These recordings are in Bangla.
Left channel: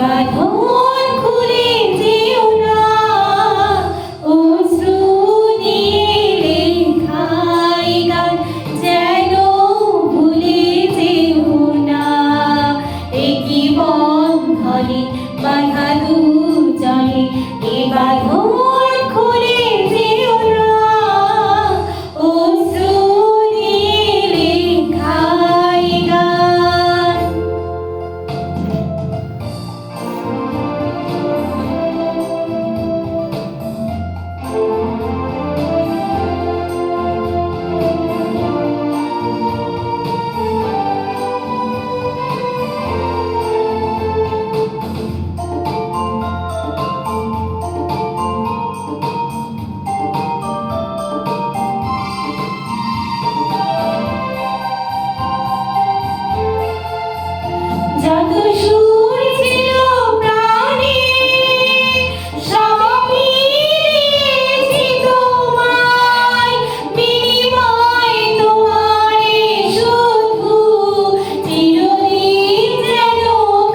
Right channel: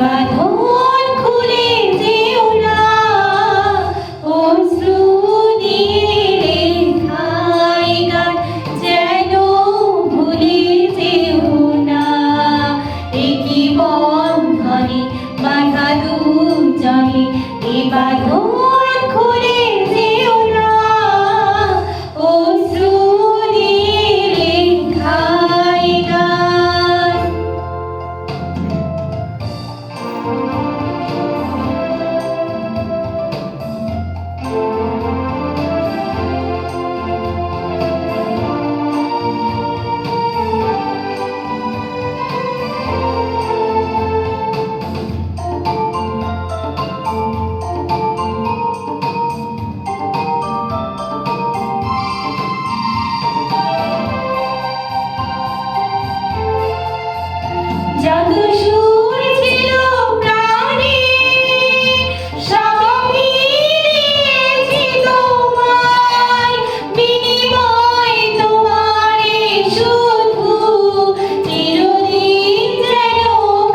বাঁধন খুলে যেও না, অশ্রু নিয়ে লেখাই গান যেন ভুলে যেও না। একই বন্ধনে বাঁধা দুজনে, এ বাঁধন খুলে যেও না, অশ্রু নিয়ে লেখাই গান। জাদু সুর ছিল প্রাণে, সব মিলেছি তোমায়, বিনিময় তোমারে শুধু চিরদিন যেন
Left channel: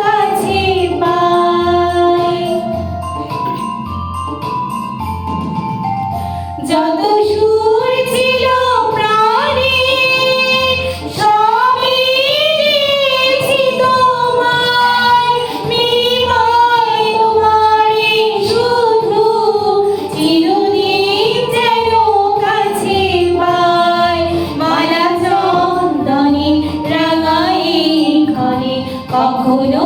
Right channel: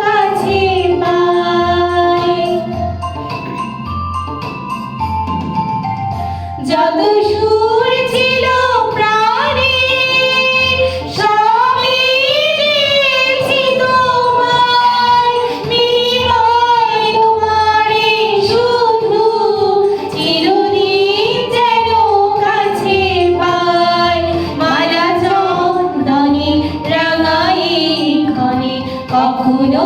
কাছে পাই। জাদু সুর ছিল প্রাণে, সব মিলেছি তোমায়, বিনিময় তোমারে শুধু চিরদিন যেন কাছে পাই। মালা চন্দনে রাঙাই ক্ষণে কখনো